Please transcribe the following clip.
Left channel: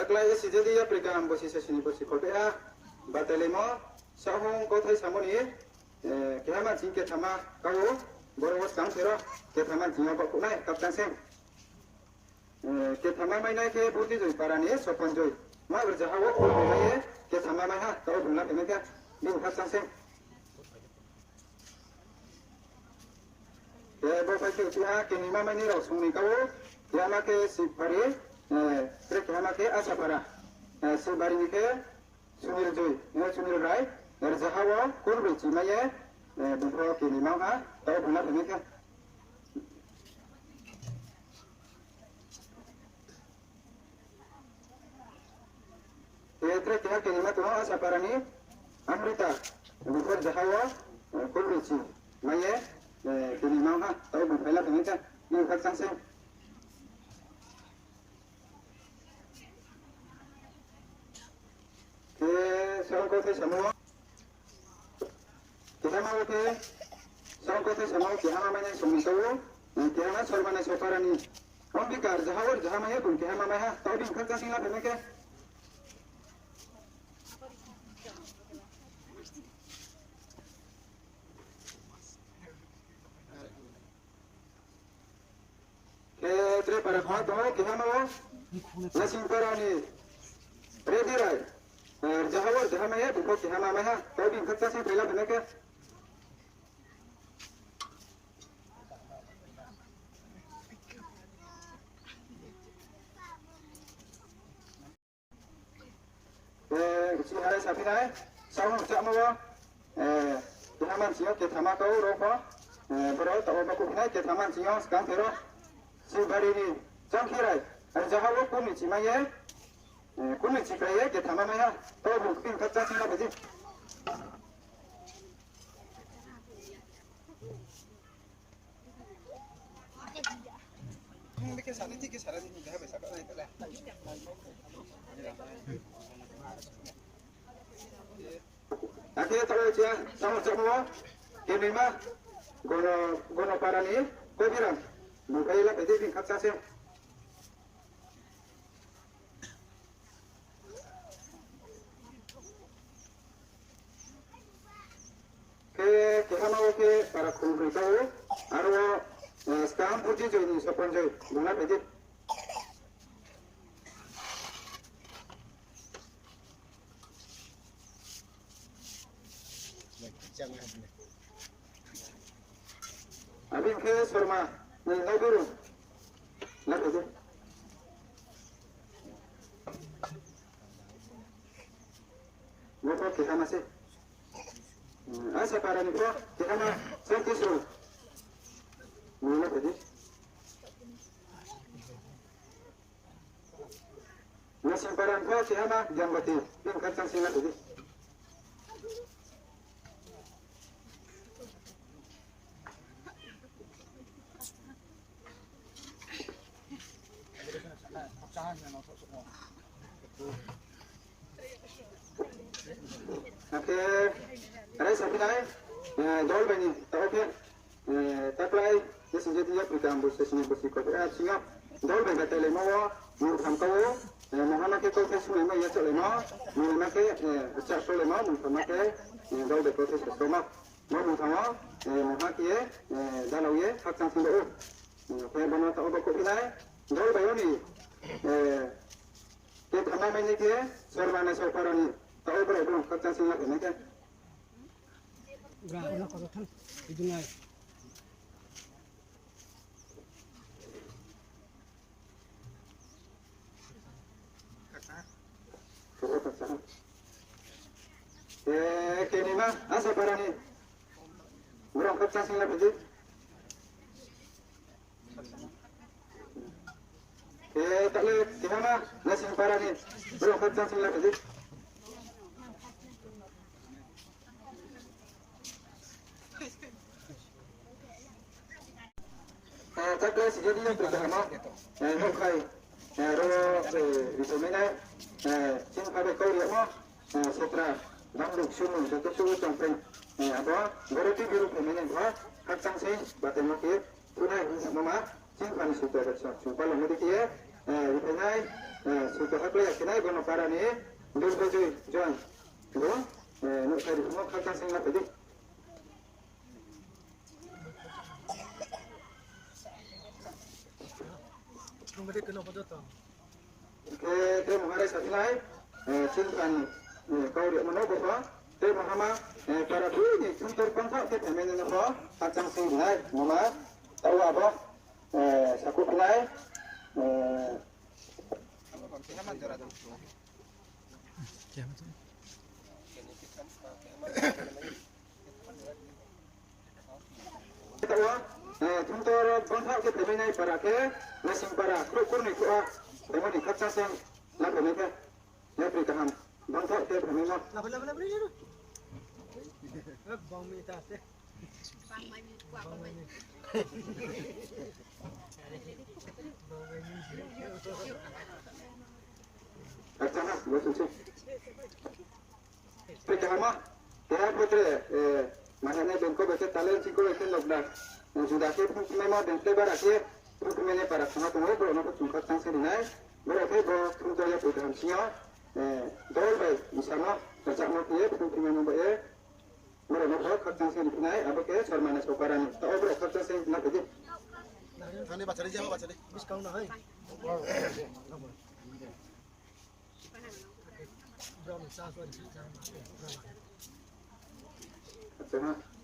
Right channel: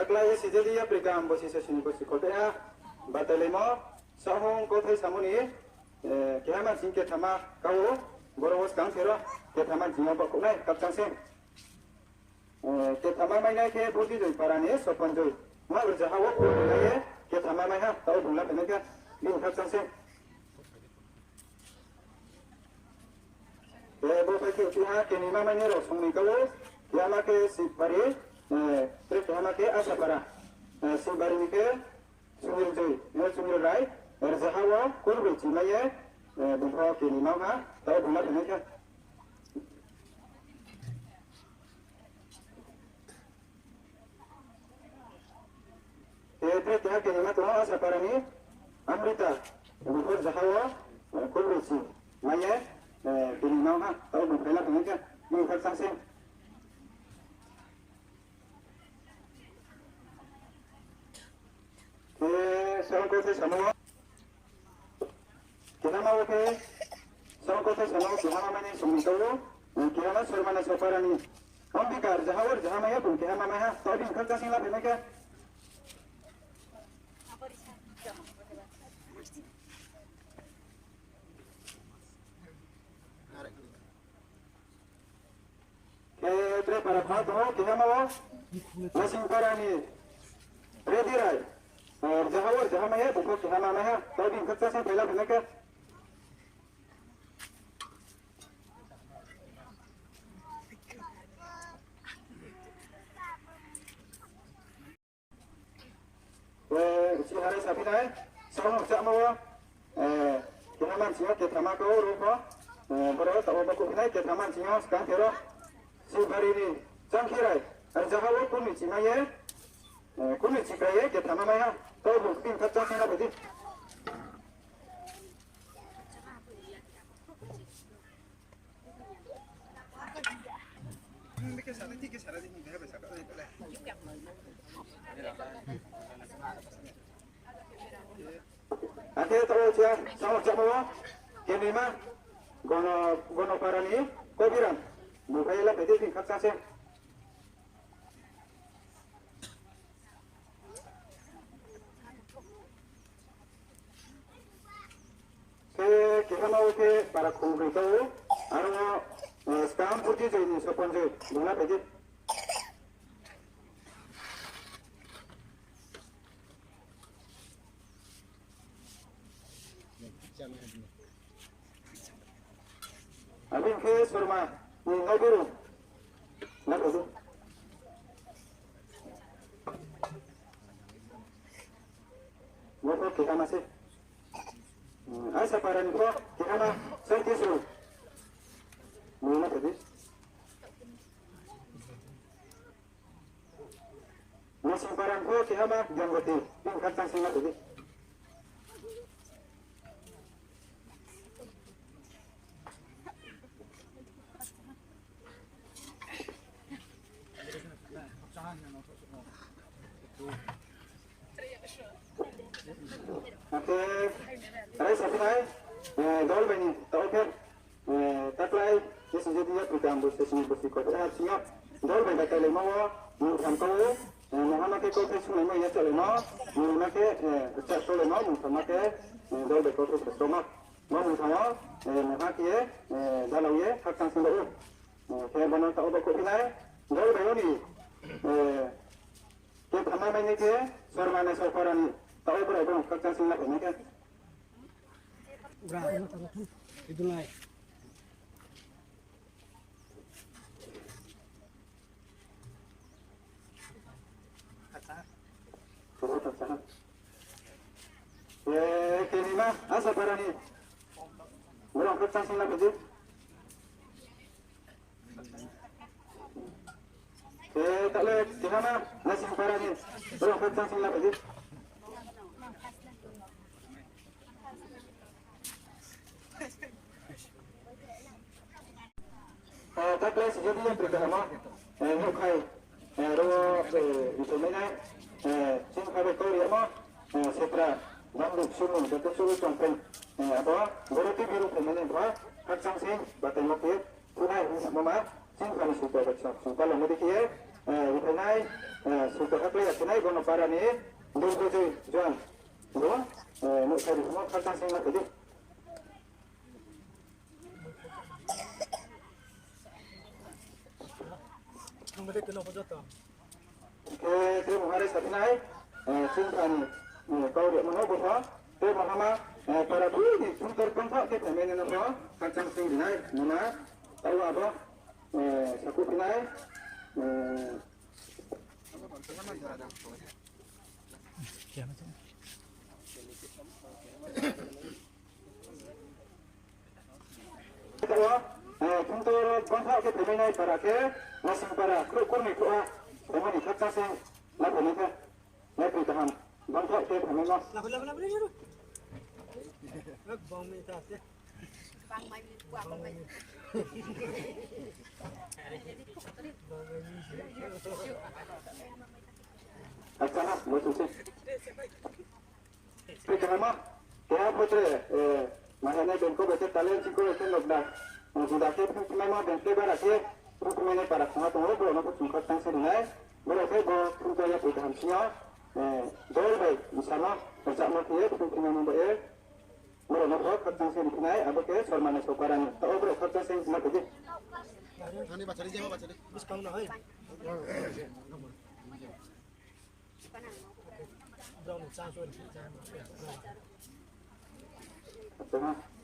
taklai si jadi ya prikam bosi sesini bosi kolpea batalemo sahong ko thai samoni kehama jingke thama kau borobos kang sero ke thama jinga ba kunai kaptang seng ke thama mai nai ke burti joi parani sopan joi ma berja hawo pul nai ke thama mai ha tau bungla pene ke ning kaptang seng bo pai ke ha ke ni ma mai ni ro song ni kau ya ma ke si pari terus kehama ke asa para si bari ni ke sumir joi yo sumir rai berja hawo kurbi cimaye bungko ke ni ma ha tau bungla pene ke terus kehama ke ni ma to asa para ni amrita bungko jahawa kurbi cimaye kini mau ha tahu berpela pengeja ni kat sangseng ke sarang kota semua kita mau ke sarang kota semua kita mana yang semua tahu kita mana sormana soparani ambikar jahawar jahamaya pun kita mana ha tahu di kat sangseng lah pengeja terus para kau tahu kita mau nasi parani ready right jahawar jahamaya bukan kita mana ha tahu di kat sangseng pela pengeja hari sapi naik, sahur tak mau, kita mancing, kita makan rokok, berapa tahu baku naik, kita mancing, sekarang terus, sebab ini, jangkirai, jahawar kami cimaya, kami cikai, kita mana, tahu bukan kerja sih lah betul. Akhirnya tahu cia, sahur tak mau, ini mah, gono parani, kau bilang, mukai lah betul ni kerja sih. Kita mau ke para kumpul tahu, arwah sekarang putih jadi sopan jadi, guna betul. Abin ke surma, ni naguru, naguru. Apa kita masih? Asa para ni ko, kita na sentis ro. Mana tadi? Nasi parang ko, kita na jam beti, tingkat sang tadi. Oke, terus apa lagi? Dol bani, tahu ke? Taklai, ni sejatinya pertambus sesini bersikap siap. Dol bani kata lemo, murham kau, Muhammad ke kau sesuatu lemo ya cak lemo, Muhammad ke cak so lemo, Muhammad ke dol bani kau sesuatu lemo, Muhammad Muhammad ke dalau ye hak sang sumber. Kaya bana tahu bakul pinai, dol bani ni, kita mana ni ke, sormana soparan tahu berapa kerja sih lah ini kan? Udah, ini kan itu naik. Kini mah asa parani, berapa kerja sih lah betul? Tak le, kini mah nasi parani, berapa kerja sih lah betul? Taklai sejadinya pertama, mukai, itu mana, singkat kau dia mah, setra, nampak sunu, jatuh sunu campur, apa, berarti biru pemain apa, kacang sih, batin mati, punai, mama, singkat sudah kacang, supaya lemah dikit, punai, sudah hakle ya kena gono para ni dul baju John bo no kari mo kharta sing la tadi Kemudian kena pada tak. ke te mo hare satnai sunkan kau dia mana bo te mahama para tu ni suntur pangka te pemene no bo kharta sing nai mama tahu apa saku pinai Tuntur bangsa ke peminai para ke langsung para kru kurni kua pemani kaca seng lagu ni ke lepas tahan bangsa ke peminai Lapa ni tu. Bang minta tu. Bang main. kaca lah betul sih pecahan mah ya putre makanya bengko baca talent sih kalau itu logda sudah ke peminai mah bengko bara ke peminai para sangat tunggu bro nak cungkat sang sedinai berarti bo tuntur ya pecahan siapa dol baik misalnya baca mau ke peminai mau bayar bro nak kerja sang sedinai apa ke sormana sokaran tahu bro kerja sang nak kerja Ini baca dia baca dia. Bis kau nak hai. Brown sang suara. Betul